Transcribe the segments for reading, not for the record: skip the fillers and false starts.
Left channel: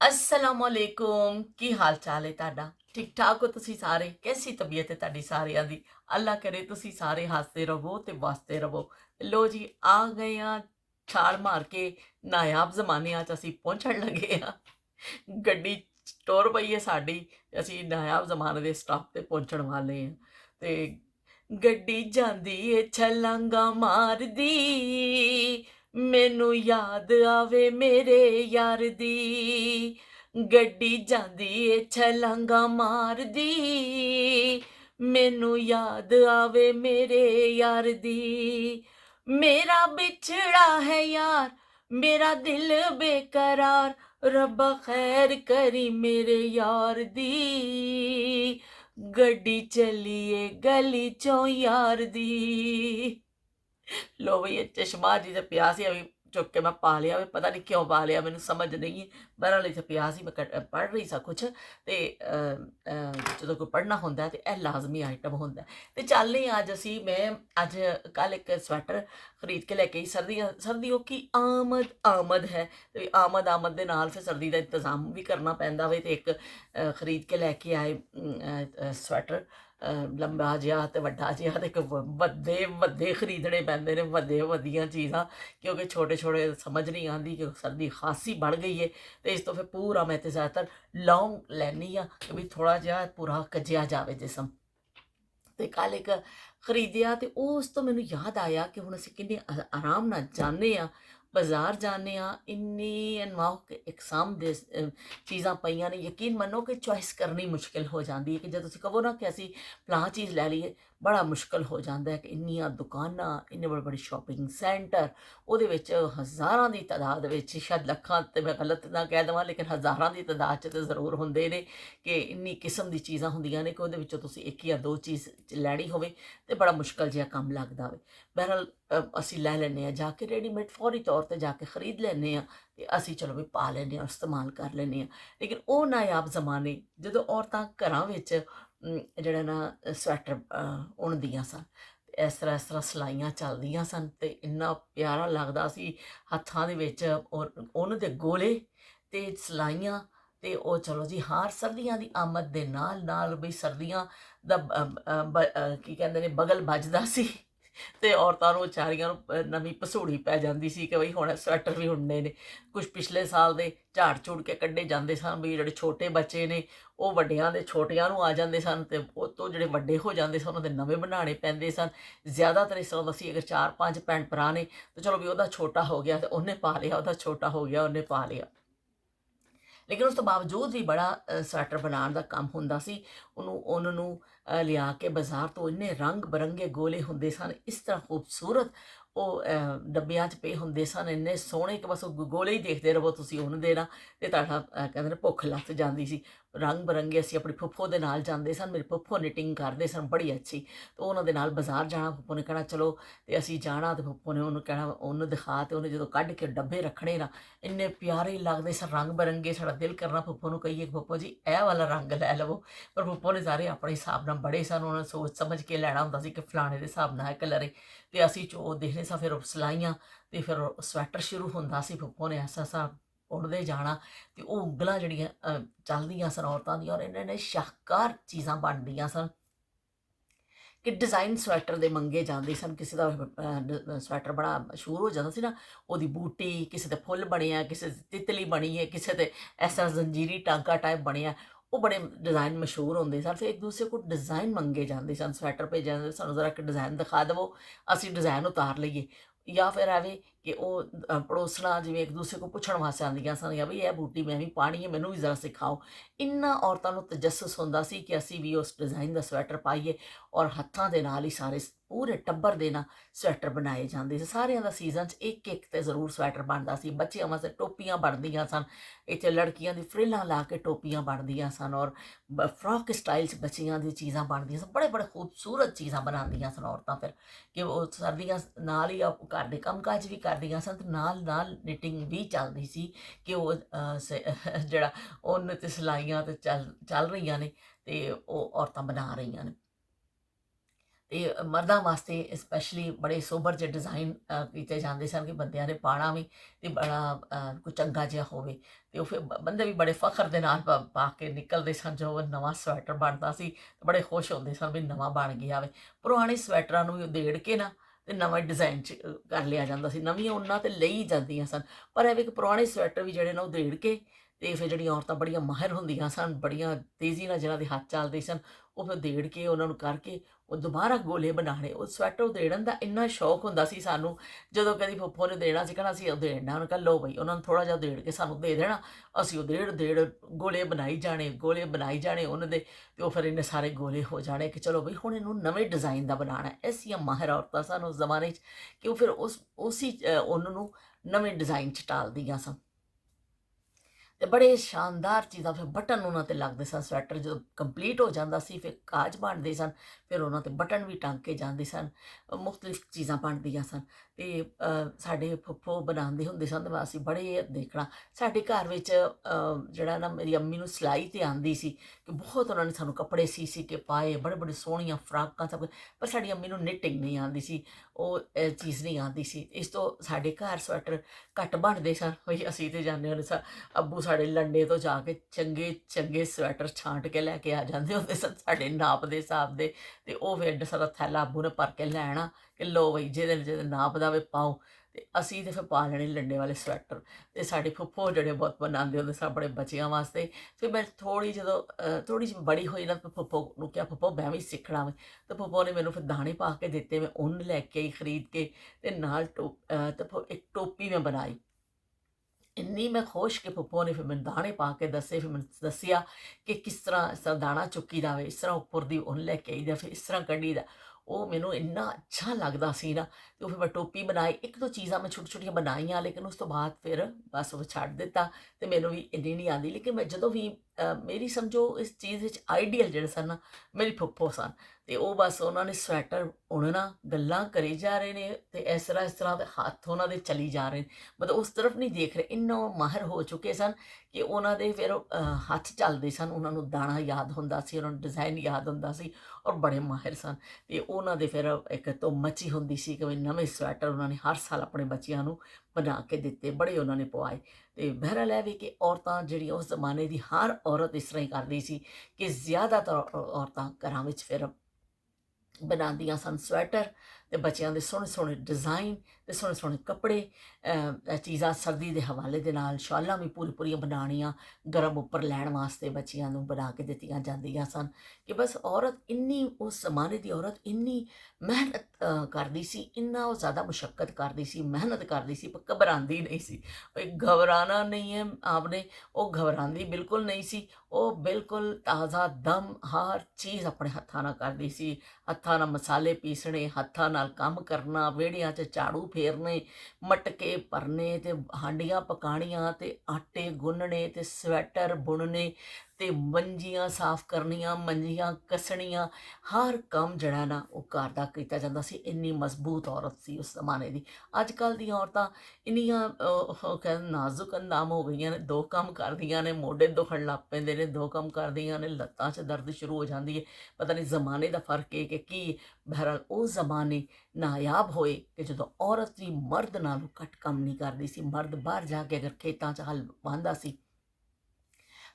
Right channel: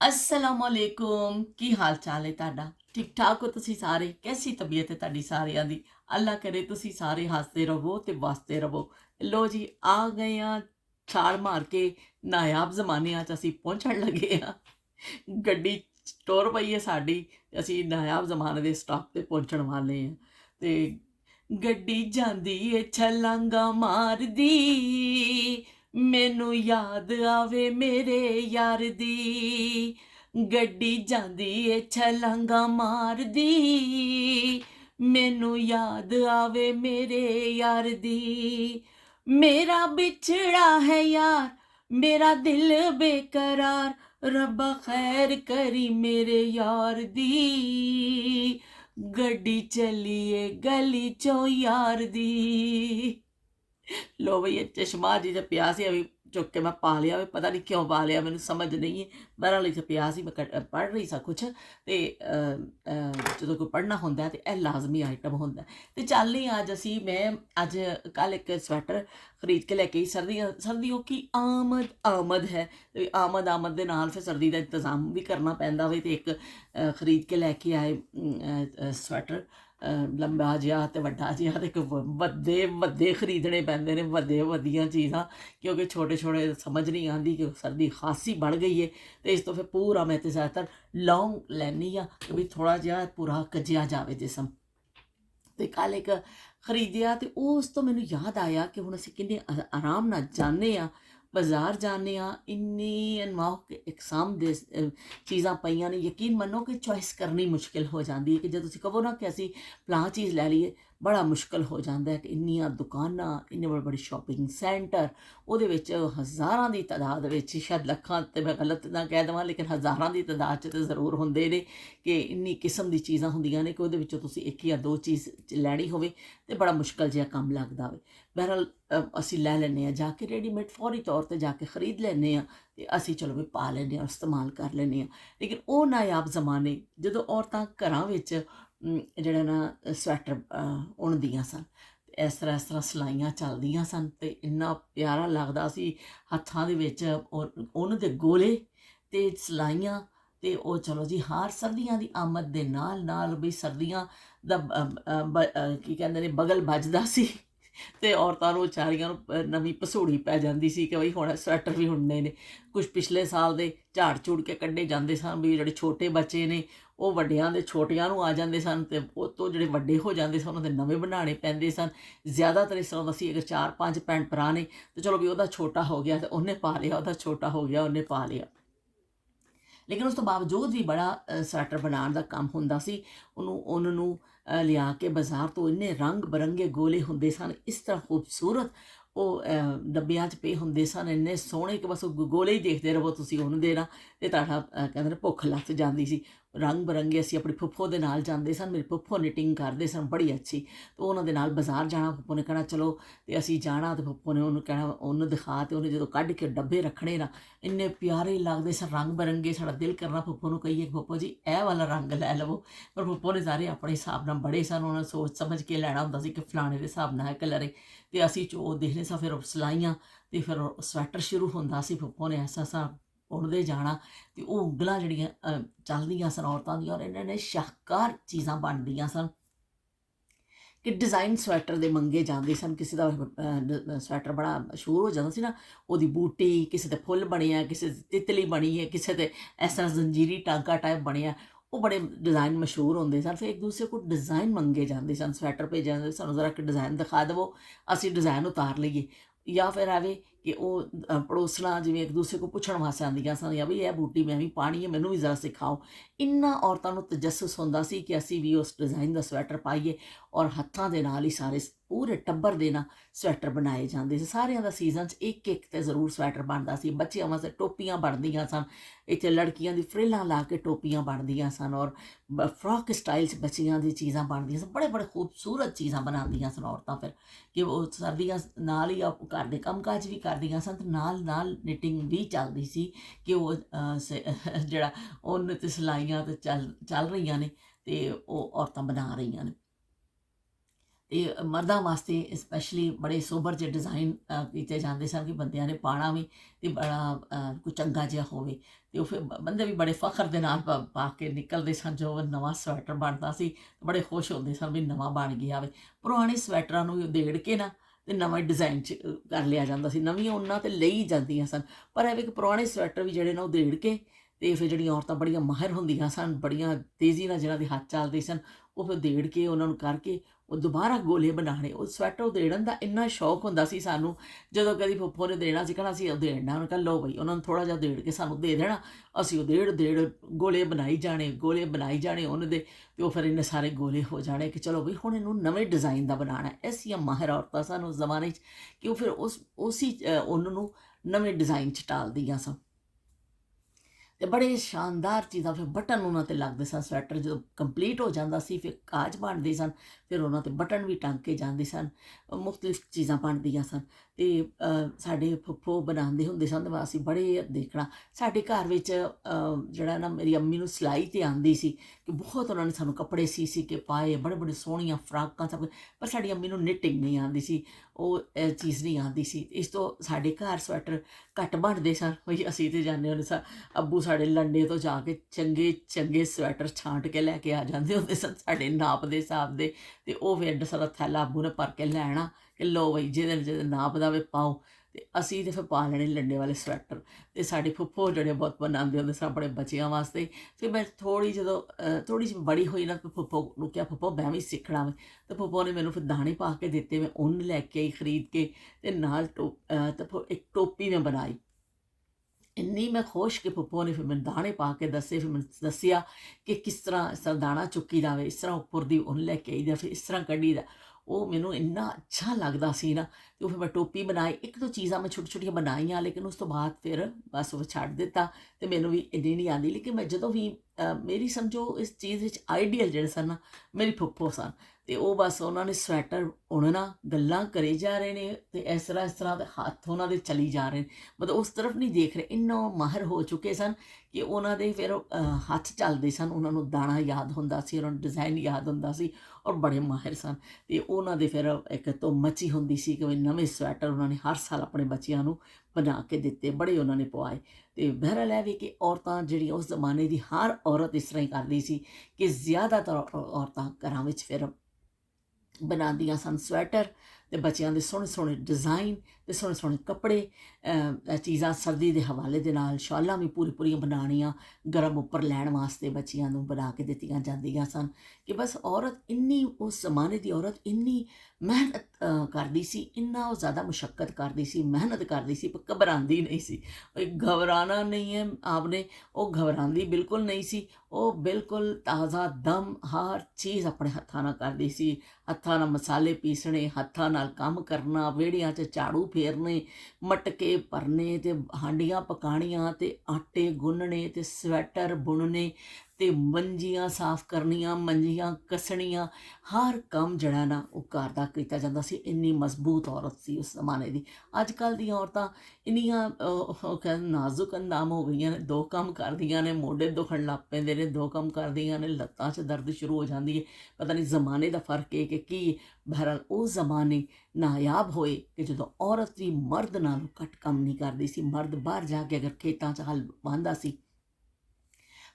अस्सलामुअलैकुम की हाल चाल है ਤੁਹਾਡਾ ਠੀਕ ਠਾਕ ਹੋ ਤੁਸੀਂ ਸਾਰੇ ਕੈਸੀ ਤਬੀਅਤ ਹੈ ਤੁਹਾਡੀ ਸਾਰਿਆਂ ਦੀ ਅੱਲਾ ਕਰੇ ਤੁਸੀਂ ਸਾਰੇ ਹੱਸਦੇ ਰਹੋ ਤੇ ਵਸਦੇ ਰਹੋ ਲੋ ਜੀ ਆ ਗਏ ਆ ਛਾਲ ਮਾਰ ਕੇ ਨਾਇਆਬ ਜ਼ਮਾਨਿਆਂ 'ਚ ਅਸੀਂ ਪਹੁੰਚਣ ਲੱਗੇ ਆ ਗੱਡੀ ਟੁਰ ਪਈ ਹੈ ਸਾਡੀ ਅਸੀਂ ਨਾਇਆਬ ਜ਼ਮਾਨੇ ਦੇ ਸਟਾਪ ਤੇ ਪਹੁੰਚਣ ਵਾਲੇ ਆ ਤੇ ਗੱਡੀ ਜਾਂਦੀ ਏ ਛਲਾਂਗਾ ਮਾਰਦੀ ਮੈਨੂੰ ਯਾਦ ਆਵੇ ਮੇਰੇ ਯਾਰ ਦੀ ਗੱਡੀ ਜਾਂਦੀ ਏ ਛਲਾਂਗਾ ਮਾਰਦੀ ਮੈਨੂੰ ਯਾਦ ਆਵੇ ਮੇਰੇ ਯਾਰ ਦੀ ਮੇਰਾ ਵਿਛੜਾ ਹੈ ਯਾਰ ਮੇਰਾ ਦਿਲ ਬੇਕਰਾਰ ਰੱਬਾ ਖੈਰ ਕਰੀ ਮੇਰੇ ਯਾਰ ਦੀ ਗੱਡੀ ਚੱਲੀਏ ਗਲੀ ਚੋਂ ਯਾਰ ਦੀ लो भई ये चश्मा जिसे पिया सी अभी चुक के मैं पा लिया वे पता नहीं क्यों पा लिया मैनू समझ नहीं है बहरहाल इत्थे पिया सी मैं पढ़ रही सा कुछ ते ਜਦੋਂ ਕੋਈ ਪੜ੍ਹਨਾ ਹੁੰਦਾ ਤੇ ਇਹ ਲਾਜ਼ਮੀ ਆਈਟਮ ਹੁੰਦਾ ਤੇ ਚੱਲ ਨਹੀਂ ਅੱਜ ਅਸੀਂ ਮੈਂ ਅੱਜ ਕੱਲ ਇੱਕ ਸਵੈਟਰ ਖਰੀਦ ਕੇ ਲੈ ਕੇ ਆਈ ਸਰਦੀਆਂ ਕੀ ਆਮਦ ਹੈ ਤੇ ਆਮਦ ਦੇ ਨਾਲ ਫਿਰ ਸਰਦੀ ਦਾ ਇੰਤਜ਼ਾਮ ਵੀ ਕਰਨਾ ਪੈਂਦਾ ਵੇ ਤੇ ਇੱਕ ਖਰੀਦ ਕੇ ਲੈ ਕੇ ਆਏ ਸਵੈਟਰ ਲੰਬਾ ਜਿਹਾ ਤੇ ਵੱਡਾ ਜਿਹਾ ਤੇ ਇੱਕ ਵੱਡੇ ਖਰੀਦਣੇ ਪੈਂਦੇ ਨੇ ਵੱਡੀਆਂ ਚੀਜ਼ਾਂ ਕਿਉਂਕਿ ਛੋਟੇ ਸਮਝ ਨਹੀਂ ਆਉਂਦੀ ਕਿ ਸਰਦੀ ਖਾਸੀ बढ़ ਗਈ ਹੈ ਤੇ ਇਸ ਤੋਂ ਫਿਰ ਪੂਰਾ ਮੈਂ ਤੇ ਜ਼ਿਆਦਾਤਰ ਲੌਂਗ ਲੈਂਦੀ ਹਾਂ ਕਿ ਵੀ ਥੋੜ੍ਹਾ ਜਿਹਾ ਪੂਰਾ ਕੱਜਿਆ ਜਾਵੇ ਜਿਸਮ ਤੇ ਕੱਲ੍ਹ ਇੱਕ ਖਰੀਦਿਆ ਤੇ ਉਸ ਤੋਂ ਮੈਨੂੰ ਯਾਦ ਆਇਆ ਕਿ ਹੁਣ ਅਸੀਂ ਕਿੰਨੇ ਆਰਾਮ ਨਾਲ ਜਾਂਦੇ ਹਾਂ ਬਾਜ਼ਾਰ ਜਾਂਦੇ ਹਾਂ ਇੰਨੀ ਅਨਵਾਕ ਇਕਸਾਮ ਦੇ ਚੀਜ਼ਾਂ ਪਈਆਂ ਨੇ ਯਕੀਨ ਮੰਨੋ ਕਿ ਚੋਇਸ ਕਰਨੀ ਮੁਸ਼ਕਿਲ ਹੋ ਜਾਂਦੀ ਹੈ ਕਿ ਜੇ ਤੁਸੀਂ ਕਹੋ ਨਾ ਕਿ ਅਸੀਂ ਫਲਾਂ ਚੀਜ਼ ਲੈ ਲਈਏ ਬੜਾ ਮੁਸ਼ਕਿਲ ਹੋ ਜਾਂਦਾ ਹੈ ਕਿ ਇੰਨੀਆਂ ਦੁਕਾਨਾਂ ਇੰਨੇ ਬੜੇ ਸ਼ਾਪਿੰਗ ਸੈਂਟਰ ਉਹਦੇ ਵਿੱਚ ਹਜ਼ਾਰਾਂ ਦੀ ਤਾਦਾਦ ਵਿੱਚ ਸ਼ਾਇਦ ਲੱਖਾਂ ਤੇ ਮੈਂ ਗਲਤ ਨਾ ਕਹਿ ਦੇਵਾਂ ਲੇਕਿਨ ਹਜ਼ਾਰਾਂ ਦੀ ਤਾਦਾਦ 'ਚ ਤਾਂ ਜ਼ਰੂਰ ਹੁੰਦੇ ਨੇ ਕਿ ਇੰਨੀ ਕਿਸਮ ਦੀ ਚੀਜ਼ਾਂ ਹੁੰਦੀਆਂ ਨੇ ਕਿ ਉਹਦੇ ਵਿੱਚੋਂ ਤੁਸੀਂ ਇੱਕ ਜਾਂ ਦੋ ਚੀਜ਼ ਲੈਣੀ ਹੋਵੇ ਤੇ ਬੜਾ ਮੁਸ਼ਕਿਲ ਜਿਹਾ ਕੰਮ ਲੱਗਦਾ ਹੋਵੇ ਬਹਰਹਾਲ ਅਸੀਂ ਲੈ ਲੈਂਦੇ ਹਾਂ ਜਾ ਕੇ ਰੈਡੀਮੇਡ ਫੌਰੀ ਤੌਰ 'ਤੇ ਜਾ ਕੇ ਖਰੀਦ ਲੈਂਦੇ ਹਾਂ ਅਤੇ ਅਸੀਂ ਚਲੋ ਵੀ ਪਾ ਲੈਂਦੇ ਹਾਂ ਇਸਤੇਮਾਲ ਕਰ ਲੈਂਦੇ ਹਾਂ ਲੇਕਿਨ ਉਹ ਨਾਯਾਬ ਜ਼ਮਾਨੇ ਜਦੋਂ ਔਰਤਾਂ ਘਰਾਂ ਵਿੱਚ ਜਿਹੜਾ ਨਾ ਸਵੈਟਰ ਉਣਦੀਆਂ ਸਨ ਇਸ ਤਰ੍ਹਾਂ ਸਿਲਾਈਆਂ ਚੱਲਦੀਆਂ ਸਨ ਅਤੇ ਇੰਨਾ ਪਿਆਰਾ ਲੱਗਦਾ ਸੀ ਹੱਥਾਂ ਦੇ ਵਿੱਚ ਉੱਨ ਦੇ ਗੋਲੇ ਅਤੇ ਸਿਲਾਈਆਂ ਅਤੇ ਉਹ ਚਲੋ ਜੀ ਹਾਰ ਸਰਦੀਆਂ ਦੀ ਆਮਦ ਦੇ ਨਾਲ ਬਈ ਸਰਦੀਆਂ ਦਾ ਕੀ ਕਹਿੰਦੇ ਨੇ ਬਗਲ ਵੱਜਦਾ ਸੀ ਤੇ ਔਰਤਾਂ ਨੂੰ ਵਿਚਾਰੀਆਂ ਨੂੰ ਨਵੀਂ ਭਸੂੜੀ ਪੈ ਜਾਂਦੀ ਸੀ ਕਿ ਬਈ ਹੁਣ ਸਵੈਟਰ ਵੀ ਹੁੰਦੇ ਨੇ ਕੁਝ ਪਿਛਲੇ ਸਾਲ ਦੇ ਝਾੜ ਝੂੜ ਕੇ ਕੱਢੇ ਜਾਂਦੇ ਸਨ ਵੀ ਜਿਹੜੇ ਛੋਟੇ ਬੱਚੇ ਨੇ ਉਹ ਵੱਡਿਆਂ ਦੇ ਛੋਟਿਆਂ ਨੂੰ ਆ ਜਾਂਦੇ ਸਨ ਤੇ ਉਹ ਤੋਂ ਜਿਹੜੇ ਵੱਡੇ ਹੋ ਜਾਂਦੇ ਸਨ ਉਹਨਾਂ ਦੇ ਨਵੇਂ ਬਣਾਉਣੇ ਪੈਂਦੇ ਸਨ ਜ਼ਿਆਦਾਤਰ ਇਸ ਤਰ੍ਹਾਂ ਦਾ ਸੀ ਅਗਰ 4-5 ਭੈਣ ਭਰਾ ਨੇ ਤੇ ਚਲੋ ਵੀ ਉਹਦਾ ਛੋਟਾ ਹੋ ਗਿਆ ਤੇ ਉਹਨੇ ਪਾ ਲਿਆ ਉਹਦਾ ਛੋਟਾ ਹੋ ਗਿਆ ਉਹਨੇ ਪਾ ਲਿਆ ਲੇਕਿਨ ਉਸ ਤੋਂ ਬਾਵਜੂਦ ਵੀ ਬੜਾ ਸਵੈਟਰ ਬਣਾਉਣ ਦਾ ਕੰਮ ਹੁੰਦਾ ਸੀ ਉਹਨਾਂ ਨੂੰ ਲਿਆ ਕੇ ਬਾਜ਼ਾਰ ਤੋਂ ਇੰਨੇ ਰੰਗ ਬਰੰਗੇ ਗੋਲੇ ਹੁੰਦੇ ਸਨ ਇਸ ਤਰ੍ਹਾਂ ਖੂਬਸੂਰਤ ਉਹ ਡੱਬਿਆਂ 'ਚ ਪਏ ਹੁੰਦੇ ਸਨ ਇੰਨੇ ਸੋਹਣੇ ਕਿ ਬਸ ਉਹ ਗੋਲੇ ਹੀ ਦੇਖਦੇ ਰਹੋ ਤੁਸੀਂ ਉਹਨੂੰ ਦੇਣਾ ਅਤੇ ਤੁਹਾਡਾ ਕਹਿੰਦੇ ਨੇ ਭੁੱਖ ਲੱਥ ਜਾਂਦੀ ਸੀ ਰੰਗ ਬਰੰਗੇ ਅਸੀਂ ਆਪਣੀ ਫੁੱਫੋ ਦੇ ਨਾਲ ਜਾਂਦੇ ਸਨ ਮੇਰੀ ਫੁੱਫੋ ਨਿਟਿੰਗ ਕਰਦੇ ਸਨ ਬੜੀ ਅੱਛੀ ਅਤੇ ਉਹਨਾਂ ਦੇ ਨਾਲ ਬਾਜ਼ਾਰ ਜਾਣਾ ਫੁੱਫੋ ਨੇ ਕਹਿਣਾ ਚਲੋ ਅਤੇ ਅਸੀਂ ਜਾਣਾ ਅਤੇ ਫੁੱਫੋ ਨੇ ਉਹਨੂੰ ਕਹਿਣਾ ਉਹਨੂੰ ਦਿਖਾ ਅਤੇ ਉਹਨੇ ਜਦੋਂ ਕੱਢ ਕੇ ਡੱਬੇ ਰੱਖਣੇ ਨਾ ਇੰਨੇ ਪਿਆਰੇ ਲੱਗਦੇ ਸਨ ਰੰਗ ਬਰੰਗੇ ਸਾਡਾ ਦਿਲ ਕਰਨਾ ਫੁੱਫੋ ਨੂੰ ਕਹੀਏ ਫੁੱਫੋ ਜੀ ਇਹ ਵਾਲਾ ਰੰਗ ਲੈ ਲਵੋ ਪਰ ਫੁੱਫੋ ਨੇ ਸਾਰੇ ਆਪਣੇ ਹਿਸਾਬ ਨਾਲ ਬੜੇ ਸਨ ਉਹਨਾਂ ਨੇ ਸੋਚ ਸਮਝ ਕੇ ਲੈਣਾ ਹੁੰਦਾ ਸੀ ਕਿ ਫਲਾਣੇ ਦੇ ਹਿਸਾਬ ਨਾਲ ਇਹ ਕਲਰ ਹੈ ਅਤੇ ਅਸੀਂ ਉਹ ਦੇਖਦੇ ਸਾਂ ਫਿਰ ਸਿਲਾਈਆਂ ਅਤੇ ਫਿਰ ਸਵੈਟਰ ਸ਼ੁਰੂ ਹੁੰਦਾ ਸੀ ਫੁੱਫੋ ਨੇ ਐਸਾ ਉਣਦੇ ਜਾਣਾ ਅਤੇ ਉਹ ਉਂਗਲਾਂ ਜਿਹੜੀਆਂ ਚੱਲਦੀਆਂ ਸਨ ਔਰਤਾਂ ਦੀਆਂ ਔਰ ਇੰਨੇ ਸ਼ਾਹਕਾਰ ਚੀਜ਼ਾਂ ਬਣਦੀਆਂ ਸਨ ਕਿ ਡਿਜ਼ਾਈਨ ਸਵੈਟਰ ਦੇ ਮੰਗੇ ਜਾਂਦੇ ਸਨ ਕਿਸੇ ਦਾ ਸਵੈਟਰ ਬੜਾ ਮਸ਼ਹੂਰ ਹੋ ਜਾਂਦਾ ਸੀ ਨਾ ਉਹਦੀ ਬੂਟੀ ਕਿਸੇ ਦੇ ਫੁੱਲ ਬਣੇ ਆ ਕਿਸੇ ਦੀ ਤਿਤਲੀ ਬਣੀ ਹੈ ਕਿਸੇ ਦੇ ਇਸ ਤਰ੍ਹਾਂ ਜ਼ੰਜੀਰੀ ਟਾਂਕਾ ਟਾਈਪ ਬਣਿਆ ਉਹ ਬੜੇ ਡਿਜ਼ਾਈਨ ਮਸ਼ਹੂਰ ਹੁੰਦੇ ਸਨ ਫਿਰ ਇੱਕ ਦੂਸਰੇ ਕੋਲ ਡਿਜ਼ਾਈਨ ਮੰਗੇ ਜਾਂਦੇ ਸਨ ਸਵੈਟਰ ਭੇਜੇ ਜਾਂਦੇ ਸਾਨੂੰ ਜ਼ਰਾ ਇੱਕ ਡਿਜ਼ਾਈਨ ਦਿਖਾ ਦੇਵੋ ਅਸੀਂ ਡਿਜ਼ਾਈਨ ਉਤਾਰ ਲਈਏ ਜਾਂ ਫਿਰ ਐਵੇਂ ਕਿ ਉਹ ਪੜੋਸਣਾ ਜਿਵੇਂ ਇੱਕ ਦੂਸਰੇ ਕੋਲ ਪੁੱਛਣ ਵਾਸਤੇ ਆਉਂਦੀਆਂ ਸਨ ਜਾਂ ਵੀ ਇਹ ਬੂਟੀ ਮੈਂ ਵੀ ਪਾਣੀ ਹੈ ਮੈਨੂੰ ਵੀ ਜ਼ਰਾ ਸਿਖਾਓ ਇੰਨਾ ਔਰਤਾਂ ਨੂੰ ਤਜੱਸਸ ਹੁੰਦਾ ਸੀ ਕਿ ਅਸੀਂ ਵੀ ਉਸ ਡਿਜ਼ਾਈਨ ਦਾ ਸਵੈਟਰ ਪਾਈਏ ਔਰ ਹੱਥਾਂ ਦੇ ਨਾਲ ਹੀ ਸਾਰੇ ਪੂਰੇ ਟੱਬਰ ਦੇ ਨਾਲ ਸਵੈਟਰ ਬਣਾਏ ਜਾਂਦੇ ਸੀ ਸਾਰਿਆਂ ਦਾ ਸੀਜ਼ਨ 'ਚ ਇੱਕ ਤੇ ਜ਼ਰੂਰ ਸਵੈਟਰ ਬਣਦਾ ਸੀ ਬੱਚਿਆਂ ਵਾਸਤੇ ਟੋਪੀਆਂ ਬਣਦੀਆਂ ਸਨ ਇੱਥੇ ਲੜਕੀਆਂ ਦੀ ਫਰਿੱਲਾਂ ਲਾ ਕੇ ਟੋਪੀਆਂ ਬਣਦੀਆਂ ਸਨ ਔਰ ਫਰੋਕ ਸਟਾਈਲ 'ਚ ਬੱਚੀਆਂ ਦੀ ਚੀਜ਼ਾਂ ਬਣਦੀਆਂ ਸਨ ਬੜੇ ਖੂਬਸੂਰਤ ਚੀਜ਼ਾਂ ਬਣਾਉਂਦੀਆਂ ਸਨ ਔਰਤਾਂ ਫਿਰ ਕਿ ਉਹ ਸਰਦੀਆਂ ਨਾਲ ਹੀ ਘਰ ਦੇ ਕੰਮਕਾਜ ਵੀ ਕਰਦੀਆਂ ਸਨ ਅਤੇ ਨਾਲ ਨਿਟਿੰਗ ਵੀ ਚੱਲਦੀ ਸੀ ਕਿ ਉਹ ਜਿਹੜਾ ਉੱਨ ਅਤੇ ਸਿਲਾਈਆਂ 'ਤੇ ਚੱਲ ਰਹੀਆਂ ਨੇ ਅਤੇ ਉਹ ਔਰਤਾਂ ਬਣਾ ਰਹੀਆਂ ਨੇ ਤੇ ਮਰਦਾਂ ਵਾਸਤੇ ਸਪੈਸ਼ਲੀ ਬੜੇ ਸੋਬਰ ਜਿਹੇ ਡਿਜ਼ਾਈਨ ਕੀਤੇ ਜਾਂਦੇ ਸਨ ਕਿ ਬੰਦਿਆਂ ਨੇ ਪਾਉਣਾ ਵੀ ਤੇ ਬੜਾ ਕੁਝ ਚੰਗਾ ਜਿਹਾ ਹੋਵੇ। ਤੇ ਉਹ ਫਿਰ ਬੰਦੇ ਵੀ ਬੜੇ ਫਖਰ ਦੇ ਨਾਲ ਪਾ ਕੇ ਨਿਕਲਦੇ ਸਨ। ਜੋ ਨਵਾਂ ਸਵੈਟਰ ਬਣਦਾ ਸੀ ਤੇ ਬੜੇ ਖੁਸ਼ ਹੁੰਦੇ ਸਨ ਵੀ ਨਵਾਂ ਬਣ ਗਿਆ ਵੇ। ਪੁਰਾਣੇ ਸਵੈਟਰਾਂ ਨੂੰ ਵੀ ਉਧੇੜ ਕੇ ਨਾ ਤੇ ਨਵਾਂ ਡਿਜ਼ਾਈਨ 'ਚ ਕਰ ਲਿਆ ਜਾਂਦਾ ਸੀ। ਨਵੀਆਂ ਉਹਨਾਂ ਤੇ ਲਈ ਜਾਂਦੀਆਂ ਸਨ, ਪਰ ਐਵੇਂ ਕਿ ਪੁਰਾਣੇ ਸਵੈਟਰ ਵੀ ਜਿਹੜੇ ਨਾ ਉਧੇੜ ਕੇ ਤੇ ਫਿਰ ਜਿਹੜੀਆਂ ਔਰਤਾਂ ਬੜੀਆਂ ਮਾਹਿਰ ਹੁੰਦੀਆਂ ਸਨ, ਬੜੀਆਂ ਤੇਜ਼ੀ ਨਾਲ ਜਿਹਨਾਂ ਦੇ ਹੱਥ ਚੱਲਦੇ ਸਨ, ਉਹ ਫਿਰ ਉਧੇੜ ਕੇ ਉਹਨਾਂ ਨੂੰ ਕਰਕੇ ਉਹ ਦੁਬਾਰਾ ਗੋਲੇ ਬਣਾਉਣੇ। ਉਹ ਸਵੈਟਰ ਉਧੇੜਨ ਦਾ ਇੰਨਾ ਸ਼ੌਕ ਹੁੰਦਾ ਸੀ ਸਾਨੂੰ। ਜਦੋਂ ਕਦੀ ਫੁੱਫੋ ਨੇ ਦੇਣਾ ਸੀ ਕਹਿਣਾ ਅਸੀਂ ਉਧੇੜਨਾ, ਉਹਨੇ ਕਹਿ ਲਓ ਬਈ, ਉਹਨਾਂ ਨੂੰ ਥੋੜ੍ਹਾ ਜਿਹਾ ਉਧੇੜ ਕੇ ਸਾਨੂੰ ਦੇ ਦੇਣਾ, ਅਸੀਂ ਉਧੇੜ ਗੋਲੇ ਬਣਾਈ ਜਾਣੇ, ਗੋਲੇ ਬਣਾਈ ਜਾਣੇ ਉਹਨਾਂ ਦੇ। ਤੇ ਉਹ ਫਿਰ ਇੰਨੇ ਸਾਰੇ ਗੋਲੇ ਹੋ ਜਾਣੇ ਕਿ ਚਲੋ ਬਈ ਹੁਣ ਇਹਨੂੰ ਨਵੇਂ ਡਿਜ਼ਾਈਨ ਦਾ ਬਣਾਉਣਾ ਹੈ। ਐਸੀਆਂ ਮਾਹਿਰ ਔਰਤਾਂ ਸਨ ਉਸ ਜ਼ਮਾਨੇ 'ਚ ਕਿ ਉਹ ਫਿਰ ਉਸੀ ਉਹਨਾਂ ਨੂੰ ਨਵੇਂ ਡਿਜ਼ਾਈਨ 'ਚ ਟਾਲਦੀਆਂ ਸਨ। ਤੇ ਬੜੇ ਸ਼ਾਨਦਾਰ ਚੀਜ਼ਾਂ, ਫਿਰ ਬਟਨ ਉਹਨਾਂ 'ਤੇ ਲੱਗਦੇ ਸਨ। ਸਵੈਟਰ ਜਦੋਂ ਕੰਪਲੀਟ ਹੋ ਜਾਂਦਾ ਸੀ ਫਿਰ ਕਾਜ ਬਣਦੇ ਸਨ, ਫਿਰ ਉਹਨਾਂ 'ਤੇ ਬਟਨ ਵੀ ਟੰਗ ਕੇ ਜਾਂਦੇ ਸਨ। ਮੁਖਤਲਿਫ ਚੀਜ਼ਾਂ ਬਣਦੀਆਂ ਸਨ ਤੇ ਸਾਡੇ ਫੁੱਫੋ ਬਣਾਉਂਦੇ ਹੁੰਦੇ ਸਨ ਤੇ ਅਸੀਂ ਬੜੇ ਦੇਖਣਾ। ਸਾਡੇ ਘਰ ਵਿੱਚ ਜਿਹੜਾ ਨਾ ਮੇਰੀ ਅੰਮੀ ਨੂੰ ਸਿਲਾਈ ਤੇ ਆਉਂਦੀ ਸੀ ਕਿ ਬਹੁਤ ਉਹਨਾਂ ਨੇ ਸਾਨੂੰ ਕੱਪੜੇ ਸੀ ਕੇ ਪਾਏ, ਬੜੇ ਸੋਹਣੀਆਂ ਫਰਾਕਾਂ ਸਭ। ਪਰ ਸਾਡੀ ਅੰਮੀ ਨੂੰ ਨਿਟਿੰਗ ਨਹੀਂ ਆਉਂਦੀ ਸੀ, ਉਹ ਇਹ ਚੀਜ਼ ਨਹੀਂ ਆਉਂਦੀ ਸੀ। ਇਸ ਤੋਂ ਸਾਡੇ ਘਰ ਸਵੈਟਰ ਘੱਟ ਬਣਦੇ ਸਨ। ਬਈ ਅਸੀਂ ਤੇ ਜਾਂਦੇ ਹੁੰਦੇ ਸਾਂ, ਅੱਬੂ ਸਾਡੇ ਲੰਡੇ ਤੋਂ ਜਾ ਕੇ ਚੰਗੇ ਚੰਗੇ ਸਵੈਟਰ ਛਾਂਟ ਕੇ ਲੈ ਕੇ ਆ ਜਾਂਦੇ ਹੁੰਦੇ ਸਨ ਸਾਡੇ ਨਾਪ ਦੇ ਹਿਸਾਬ ਦੇ। ਤੇ ਉਹ ਫਿਰ ਐਡਾ ਸਾਰਾ ਥੈਲਾ ਅੱਬੂ ਨੇ ਭਰ ਕੇ ਲੈਣਾ ਕਿ ਲਓ ਬਈ ਜਿਹਦੇ ਨਾਪ ਦਾ ਵੀ ਪਾਓ। ਤੇ ਅਸੀਂ ਤੇ ਫਿਰ ਪਾ ਲੈਣੇ ਲੰਡੇ ਵਾਲੇ ਸਵੈਟਰ। ਤੇ ਸਾਡੇ ਫੁੱਫੋ ਜਿਹੜੇ ਬਹੁਤ ਬਣਾਉਂਦੇ ਹੁੰਦੇ ਸਨ ਆਪਣੇ ਬੱਚਿਆਂ ਵਾਸਤੇ। ਫਿਰ ਮੈਂ ਜਦੋਂ ਥੋੜ੍ਹੀ ਜਿਹੀ ਬੜੀ ਹੋਈ ਨਾ, ਫੁੱਫੋ ਨੂੰ ਕਿਹਾ ਫੁੱਫੋ ਮੈਂ ਵੀ ਸਿੱਖਣਾ ਵੇ। ਤੇ ਫੁੱਫੋ ਨੇ ਮੈਨੂੰ ਫਿਰ ਦਾਣੇ ਪਾ ਕੇ ਦਿੱਤੇ, ਮੈਂ ਉੱਨ ਲੈ ਕੇ ਆਈ ਖਰੀਦ ਕੇ ਤੇ ਨਾਲ ਤੇ ਇੱਕ ਟੋਪੀ ਮੈਂ ਬਣਾਈ। ਇੰਨੀ ਮੈਂ ਖੁਸ਼ ਕਿ ਫੁੱਫੋ ਨੇ ਫਿਰ ਮੈਨੂੰ ਦਾਣੇ ਪਾ ਕੇ ਦੱਸੇ। ਫਿਰ ਮੈਨੂੰ ਦੱਸਿਆ ਕਿ ਇਸ ਤਰ੍ਹਾਂ ਦਾਣਾ ਚੁੱਕੀ ਦਾ ਵੇ, ਇਸ ਤਰ੍ਹਾਂ ਉੱਪਰ ਦੀ ਉੱਨ ਲੈ ਕੇ ਆਈਦਾ, ਫਿਰ ਇਸ ਤਰ੍ਹਾਂ ਕੱਢੀਦਾ। ਉਹ ਮੈਨੂੰ ਇੰਨਾ ਅੱਛਾ ਲੱਗਦਾ ਸੀ ਨਾ। ਤੇ ਉਹ ਫਿਰ ਮੈਂ ਟੋਪੀ ਬਣਾਈ। ਇੱਕ ਦੋ ਚੀਜ਼ਾਂ ਮੈਂ ਛੋਟੀਆਂ ਬਣਾਈਆਂ, ਲੇਕਿਨ ਉਸ ਤੋਂ ਬਾਅਦ ਫਿਰ ਬਸ ਉਹ ਛੱਡ ਦਿੱਤਾ ਤੇ ਮੈਨੂੰ ਵੀ ਇੰਨੀ ਨਹੀਂ ਆਉਂਦੀ। ਲੇਕਿਨ ਮੈਂ ਜਦੋਂ ਵੀ ਮੇਰੀ ਸਮਝੋ ਇਸ ਚੀਜ਼ ਵਿੱਚ ਆਈਡੀਅਲ ਜਿਹੜੇ ਸਨ ਨਾ, ਮੇਰੀ ਫੁੱਫੋ ਸਨ। ਤੇ ਉਹ ਬਸ ਉਹਨਾਂ ਨੇ ਸਵੈਟਰ ਉਣਨਾ, ਗੱਲਾਂ ਕਰੀ ਜਾ ਰਹੇ ਨੇ ਤੇ ਇਸ ਤਰ੍ਹਾਂ ਦੇ ਹੱਥ ਉਹਨਾਂ ਦੇ ਚਲੀ ਜਾ ਰਹੇ ਨੇ, ਮਤਲਬ ਉਸ ਤਰਫ ਨਹੀਂ ਦੇਖ ਰਹੇ। ਇੰਨਾ ਮਾਹਿਰ ਹੋ ਚੁੱਕੇ ਸਨ ਕਿ ਉਹਨਾਂ ਦੇ ਫਿਰ ਹੱਥ ਚੱਲਦੇ ਸਨ, ਉਹਨਾਂ ਨੂੰ ਦਾਣਾ ਯਾਦ ਹੁੰਦਾ ਸੀ, ਉਹਨਾਂ ਨੂੰ ਡਿਜ਼ਾਈਨ ਯਾਦ ਹੁੰਦਾ ਸੀ, ਔਰ ਬੜੇ ਮਾਹਿਰ ਸਨ। ਤੇ ਉਹਨਾਂ ਦੇ ਫਿਰ ਇੱਕ ਤੋਂ ਮੱਚੀ ਹੁੰਦੀ ਸੀ ਕਿ ਨਵੇਂ ਸਵੈਟਰ ਉਹਨਾਂ ਨੇ ਹਰ ਸਾਲ ਆਪਣੇ ਬੱਚਿਆਂ ਨੂੰ ਬਣਾ ਕੇ ਦਿੱਤੇ, ਬੜੇ ਉਹਨਾਂ ਨੇ ਪਵਾਏ। ਤੇ ਬਹਿਰਹਾਲ ਇਹ ਵੀ ਕਿ ਔਰਤਾਂ ਜਿਹੜੀਆਂ ਉਸ ਜ਼ਮਾਨੇ ਦੀ ਹਰ ਔਰਤ ਇਸ ਤਰ੍ਹਾਂ ਹੀ ਕਰਦੀ ਸੀ ਕਿ ਜ਼ਿਆਦਾਤਰ ਔਰਤਾਂ ਘਰਾਂ ਵਿੱਚ ਫਿਰ ਬਣਾਉਂਦੀਆਂ ਸਨ ਸਵੈਟਰ ਤੇ ਬੱਚਿਆਂ ਦੇ ਸੋਹਣੇ ਸੋਹਣੇ ਡਿਜ਼ਾਈਨ ਤੇ ਸੋਹਣੇ ਸੋਹਣੇ ਕੱਪੜੇ। ਚੀਜ਼ਾਂ ਸਰਦੀ ਦੇ ਹਵਾਲੇ ਦੇ ਨਾਲ ਸ਼ਾਲਾਂ ਵੀ ਪੂਰੀਆਂ ਬਣਾਉਣੀਆਂ, ਗਰਮ ਉੱਪਰ ਲੈਣ ਵਾਸਤੇ ਬੱਚਿਆਂ ਨੂੰ ਬਣਾ ਕੇ ਦਿੱਤੀਆਂ ਜਾਂਦੀਆਂ ਸਨ। ਕਿ ਬਸ ਔਰਤ ਇੰਨੀ, ਉਸ ਜ਼ਮਾਨੇ ਦੀ ਔਰਤ ਇੰਨੀ ਮਿਹਨਤ ਕਰਦੀ ਸੀ, ਇੰਨਾ ਉਹ ਜ਼ਿਆਦਾ ਮੁਸ਼ੱਕਤ ਕਰਦੀ ਸੀ, ਮਿਹਨਤ ਕਰਦੀ ਸੀ, ਪਰ ਘਬਰਾਉਂਦੀ ਨਹੀਂ ਸੀ। ਘਬਰਾਣਾ ਨਹੀਂ ਹੈ ਆਪਨੇ, ਉਹ ਘਬਰਾਉਂਦੀ ਬਿਲਕੁਲ ਨਹੀਂ ਸੀ। ਉਹ ਬਿਲਕੁਲ ਤਾਜ਼ਾ ਦਮ ਹਰ ਚੀਜ਼ ਆਪਣੇ ਹੱਥਾਂ ਨਾਲ ਕਰਦੀ ਸੀ। ਹੱਥਾਂ ਨਾਲ ਮਸਾਲੇ ਪੀਸਣੇ, ਹੱਥਾਂ ਨਾਲ ਕੰਮ ਕਰਨਾ, ਵਿਹੜਿਆਂ 'ਚ ਝਾੜੂ ਫੇਰਨੇ, ਮਟਕੇ ਭਰਨੇ ਤੇ ਹਾਂਡੀਆਂ ਪਕਾਉਣੀਆਂ ਤੇ ਆਟੇ ਗੁੰਨਣੇ ਤੇ ਸਵੈਟਰ ਬੁਣਨੇ ਤੇ ਮੰਜੀਆਂ ਸਾਫ਼ ਕਰਨੀਆਂ, ਮੰਜੀਆਂ ਕੱਸਣੀਆਂ। ਹਰ ਕੰਮ ਜਿਹੜਾ ਨਾ ਉਹ ਘਰ ਦਾ ਕੀਤਾ ਜਾਂਦਾ ਸੀ। ਇੰਨੀ ਮਜ਼ਬੂਤ ਔਰਤ ਸੀ ਉਸ ਜ਼ਮਾਨੇ ਦੀ। ਅੱਜ ਕੱਲ੍ਹ ਦੀਆਂ ਔਰਤਾਂ ਇੰਨੀਆਂ ਕਹਿੰਦੇ ਨਾਜ਼ੁਕ ਅੰਦਾਮ ਹੋ ਗਈਆਂ ਨੇ, ਦੋ ਕੰਮ ਕਰਦੀਆਂ ਨੇ ਮੋਢੇ ਦੁਖਣ ਲੱਗ ਪੈਂਦੇ ਨੇ, ਦੋ ਕੰਮ ਕਰਦੀਆਂ ਨੇ ਲੱਤਾਂ 'ਚ ਦਰਦ ਸ਼ੁਰੂ ਹੋ ਜਾਂਦੀ ਹੈ। ਪਤਾ ਨਹੀਂ ਜ਼ਮਾਨੇ ਦਾ ਫਰਕ ਹੈ ਕਿ ਕੀ। ਬਹਰਹਾਲ ਉਹ ਜ਼ਮਾਨੇ ਨਾਯਾਬ ਹੋਏ ਕਿ ਜਦੋਂ ਔਰਤ ਵੀ ਮਰਦ ਨਾਲੋਂ ਘੱਟ ਕੰਮ ਨਹੀਂ ਕਰਦੀ ਸੀ। ਮਰਦ ਬਾਹਰ ਜਾ ਕੇ ਅਗਰ ਖੇਤਾਂ 'ਚ ਹਲ ਵਾਹੁੰਦਾ ਸੀ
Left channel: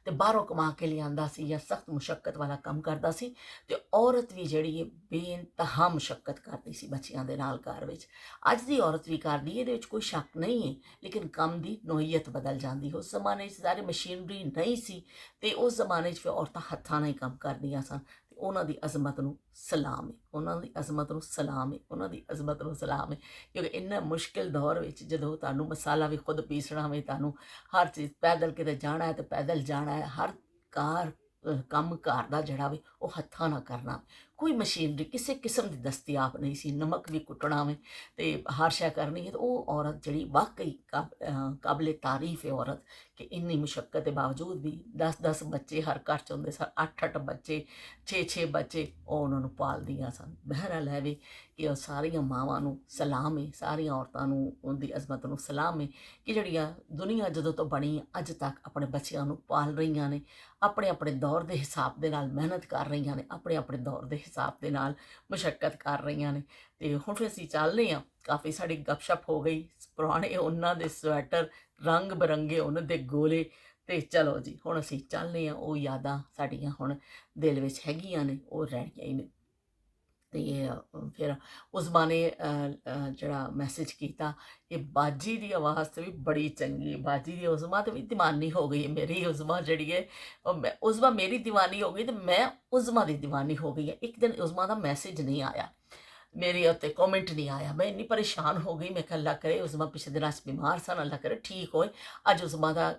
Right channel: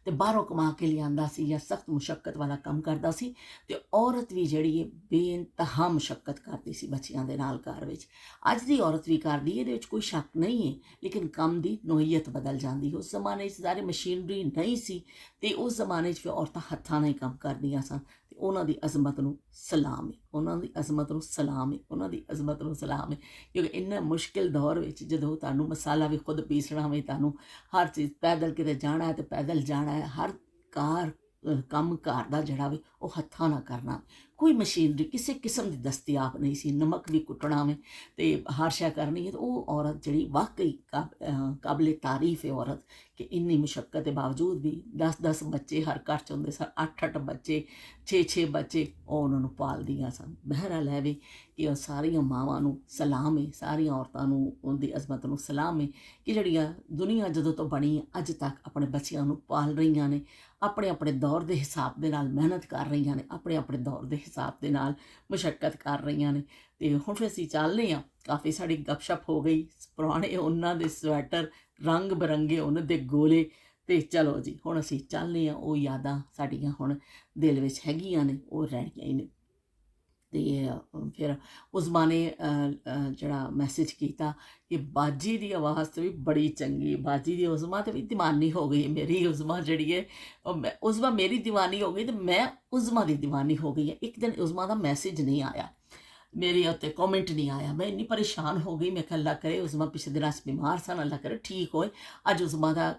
ਤੇ ਬਾਹਰੋਂ ਕਮਾ ਕੇ ਲਿਆਂਦਾ ਸੀ ਜਾਂ ਸਖਤ ਮੁਸ਼ੱਕਤ ਵਾਲਾ ਕੰਮ ਕਰਦਾ ਸੀ, ਤੇ ਔਰਤ ਵੀ ਜਿਹੜੀ ਹੈ ਬੇਇੰਤਹਾ ਮੁਸ਼ੱਕਤ ਕਰਦੀ ਸੀ ਬੱਚਿਆਂ ਦੇ ਨਾਲ ਘਰ ਵਿੱਚ। ਅੱਜ ਦੀ ਔਰਤ ਵੀ ਕਰਦੀ ਹੈ, ਇਹਦੇ ਵਿੱਚ ਕੋਈ ਸ਼ੱਕ ਨਹੀਂ ਹੈ, ਲੇਕਿਨ ਕੰਮ ਦੀ ਨੋਈਅਤ ਬਦਲ ਜਾਂਦੀ। ਉਸ ਜ਼ਮਾਨੇ 'ਚ ਸਾਰੀ ਮਸ਼ੀਨਰੀ ਨਹੀਂ ਸੀ ਤੇ ਉਸ ਜ਼ਮਾਨੇ 'ਚ ਫਿਰ ਔਰਤਾਂ ਹੱਥਾਂ ਨਾਲ ਹੀ ਕੰਮ ਕਰਦੀਆਂ ਸਨ। ਤੇ ਉਹਨਾਂ ਦੀ ਅਜ਼ਮਤ ਨੂੰ ਸਲਾਮ ਹੈ, ਉਹਨਾਂ ਦੀ ਅਜ਼ਮਤ ਨੂੰ ਸਲਾਮ ਹੈ, ਉਹਨਾਂ ਦੀ ਅਜ਼ਮਤ ਨੂੰ ਸਲਾਮ ਹੈ। ਕਿਉਂਕਿ ਇੰਨਾ ਮੁਸ਼ਕਿਲ ਦੌਰ ਵਿੱਚ ਜਦੋਂ ਤੁਹਾਨੂੰ ਮਸਾਲਾ ਵੀ ਖੁਦ ਪੀਸਣਾ ਹੋਵੇ, ਤੁਹਾਨੂੰ ਹਰ ਚੀਜ਼ ਪੈਦਲ ਕਿਤੇ ਜਾਣਾ ਹੈ ਤੇ ਪੈਦਲ ਜਾਣਾ ਹੈ, ਹਰ ਕੰਮ ਘਰ ਦਾ ਜਿਹੜਾ ਵੀ ਉਹ ਹੱਥਾਂ ਨਾਲ ਕਰਨਾ। ਕੋਈ ਮਸ਼ੀਨਰੀ ਕਿਸੇ ਕਿਸਮ ਦੀ ਦਸਤਿਆਬ ਨਹੀਂ ਸੀ। ਨਮਕ ਵੀ ਕੁੱਟਣਾ ਵੇ ਤੇ ਹਰ ਸ਼ੈ ਕਰਨੀ ਹੈ, ਤੇ ਉਹ ਔਰਤ ਜਿਹੜੀ ਵਾਕਈ ਕਾਬਲੇ ਤਾਰੀਫ ਹੈ ਔਰਤ ਕਿ ਇੰਨੀ ਮੁਸ਼ੱਕਤ ਦੇ ਬਾਵਜੂਦ ਵੀ 10-10 ਬੱਚੇ ਹਰ ਘਰ 'ਚ ਹੁੰਦੇ ਸਨ, 8-8 ਬੱਚੇ, 6-6 ਬੱਚੇ, ਉਹ ਉਹਨਾਂ ਨੂੰ ਪਾਲਦੀਆਂ ਸਨ। ਬਹਿਰਹਾਲ ਹੈ ਵੀ ਕਿ ਉਹ ਸਾਰੀਆਂ ਮਾਵਾਂ ਨੂੰ ਸਲਾਮ ਹੈ, ਸਾਰੀਆਂ ਔਰਤਾਂ ਨੂੰ ਉਹਦੀ ਅਜ਼ਮਤ ਨੂੰ ਸਲਾਮ ਹੈ ਕਿ ਜਿਹੜੀਆਂ ਦੁਨੀਆ ਜਦੋਂ ਤੋਂ ਬਣੀ ਅੱਜ ਤੱਕ ਆਪਣੇ ਬੱਚਿਆਂ ਨੂੰ ਪਾਲ ਰਹੀਆਂ ਨੇ, ਆਪਣੇ ਆਪਣੇ ਦੌਰ ਦੇ ਹਿਸਾਬ ਦੇ ਨਾਲ ਮਿਹਨਤ ਕਰ ਰਹੀਆਂ ਨੇ, ਆਪਣੇ ਆਪਣੇ ਦੌਰ ਦੇ ਹਿਸਾਬ ਦੇ ਨਾਲ ਮੁਸ਼ੱਕਤ ਕਰ ਰਹੀਆਂ ਨੇ। ਅਤੇ ਹੁਣ ਫਿਰ ਅਸੀਂ ਚੱਲਦੇ ਹਾਂ, ਕਾਫੀ ਸਾਡੀ ਗੱਪਸ਼ਪ ਹੋ ਗਈ, ਪੁਰਾਣੇ ਉਹਨਾਂ ਦੇ ਸਵੈਟਰ, ਰੰਗ ਬਿਰੰਗੇ ਉਹਨਾਂ ਦੇ ਗੋਲੇ, ਅਤੇ ਚਲੋ ਜੀ ਹੁਣ ਅਸੀਂ ਚੱਲਦੇ ਹਾਂ। ਉਹ ਯਾਦਾਂ ਸਾਡੀਆਂ ਹੁਣ ਦਿਲ ਵਿੱਚ ਹੈਗੀਆਂ ਨੇ, ਉਹ ਰਹਿਣੀਆਂ ਹੀ ਨੇ। ਅਤੇ ਫਿਰ ਉਸਮਾ ਨੇ ਜਿਹੜਾ ਮੈਸੇਜ ਕੀਤਾ ਕਿ ਬਾਜੀ ਦੀ ਆਵਾਜ਼ ਤਾਂ ਵੀ ਬੜੀ ਚੰਗੀ ਹੈ, ਬਾਜੀ ਦੀ ਉਸਮਾ ਤਾਂ ਵੀ ਦੀਵਾਨੀ ਹੋ ਗਈ ਮੇਰੀ। ਉਸਮਾ ਜਿਹੜੀ ਹੈ ਉਸਮਾ ਮੇਰੀ ਦੀਵਾਨੀ ਹੋ ਗਈ ਅਤੇ ਮੈਂ ਉਸਮਾ ਦੀ ਦੀਵਾਨੀ ਹੋ ਗਈ ਹੈ। ਇੱਕ ਦਿਨ ਉਸਮਾ ਦਾ ਮੈਸੇਜ ਨਹੀਂ ਆਇਆ, ਮੇਰੇ ਉੱਤੇ ਕਮੈਂਟ ਨਹੀਂ ਆਇਆ, ਮੈਂ ਇੰਨੀ ਪਰੇਸ਼ਾਨ ਹੋ ਗਈ। ਮੈਂ ਕਿਹਾ ਅੱਲਾ ਕਰੇ ਉਸਮਾ ਪਿਛਲੇ ਦਿਨਾਂ 'ਚ ਬਿਮਾਰ ਸਨ, ਅੱਲਾ ਕਰੇ ਠੀਕ ਹੋਏ। ਅੱਜ ਉਸਮਾ ਦਾ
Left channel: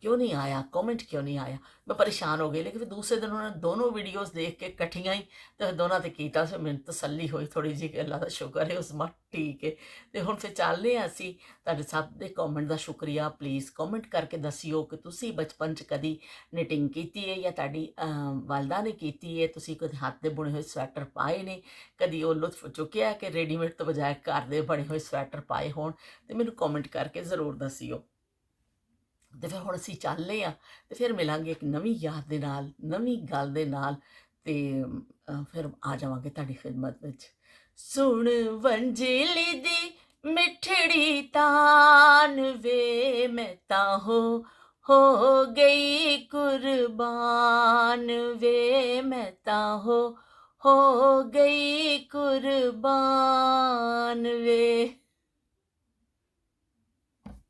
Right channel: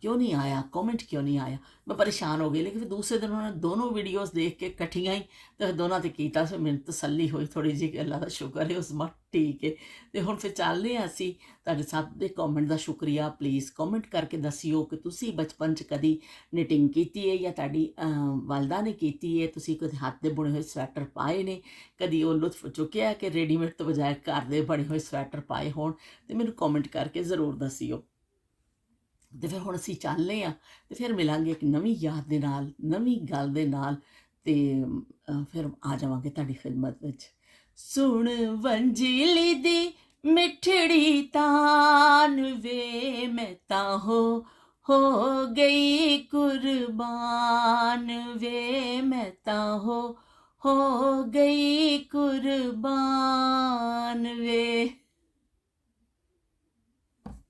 ਕਿਉਂ ਨਹੀਂ ਆਇਆ, ਕਮੈਂਟ ਕਿਉਂ ਨਹੀਂ ਆਇਆ, ਮੈਂ ਪਰੇਸ਼ਾਨ ਹੋ ਗਈ। ਲੇਕਿਨ ਫਿਰ ਦੂਸਰੇ ਦਿਨ ਉਹਨਾਂ ਨੇ ਦੋਨੋਂ ਵੀਡੀਓਜ਼ ਦੇਖ ਕੇ ਇਕੱਠੀਆਂ ਹੀ ਅਤੇ ਦੋਨਾਂ 'ਤੇ ਕੀਤਾ, ਫਿਰ ਮੈਨੂੰ ਤਸੱਲੀ ਹੋਈ ਥੋੜ੍ਹੀ ਜਿਹੀ ਕਿ ਅੱਲਾ ਦਾ ਸ਼ੁਕਰ ਹੈ ਉਸਮਾ ਠੀਕ ਹੈ। ਅਤੇ ਹੁਣ ਫਿਰ ਚੱਲਦੇ ਹਾਂ ਅਸੀਂ। ਤੁਹਾਡੇ ਸਭ ਦੇ ਕਮੈਂਟ ਦਾ ਸ਼ੁਕਰੀਆ। ਪਲੀਜ਼ ਕਮੈਂਟ ਕਰਕੇ ਦੱਸਿਓ ਕਿ ਤੁਸੀਂ ਬਚਪਨ 'ਚ ਕਦੀ ਨਿਟਿੰਗ ਕੀਤੀ ਹੈ ਜਾਂ ਤੁਹਾਡੀ ਵਾਲਦਾ ਨੇ ਕੀਤੀ ਹੈ, ਤੁਸੀਂ ਕਦੇ ਹੱਥ ਦੇ ਬੁਣੇ ਹੋਏ ਸਵੈਟਰ ਪਾਏ ਨੇ, ਕਦੀ ਉਹ ਲੁਤਫ ਚੁੱਕਿਆ ਕਿ ਰੈਡੀਮੇਡ ਤੋਂ ਬਜਾਏ ਘਰ ਦੇ ਬਣੇ ਹੋਏ ਸਵੈਟਰ ਪਾਏ ਹੋਣ, ਅਤੇ ਮੈਨੂੰ ਕਮੈਂਟ ਕਰਕੇ ਜ਼ਰੂਰ ਦੱਸਿਓ। ਅਤੇ ਫਿਰ ਹੁਣ ਅਸੀਂ ਚੱਲਦੇ ਹਾਂ ਅਤੇ ਫਿਰ ਮਿਲਾਂਗੇ ਇੱਕ ਨਵੀਂ ਯਾਦ ਦੇ ਨਾਲ, ਨਵੀਂ ਗੱਲ ਦੇ ਨਾਲ, ਅਤੇ ਫਿਰ ਆ ਜਾਵਾਂਗੇ ਤੁਹਾਡੀ ਖਿਦਮਤ ਵਿੱਚ। ਸੁਣ ਵੰਜਲੀ ਦੀ ਮਿੱਠੜੀ ਤਾਨ ਵੇ, ਮੈਂ ਤਾਂ ਹੋ ਗਈ ਕੁਰਬਾਨ ਵੇ, ਮੈਂ ਤਾਂ ਹੋ ਗਈ ਕੁਰਬਾਨ ਵੇ।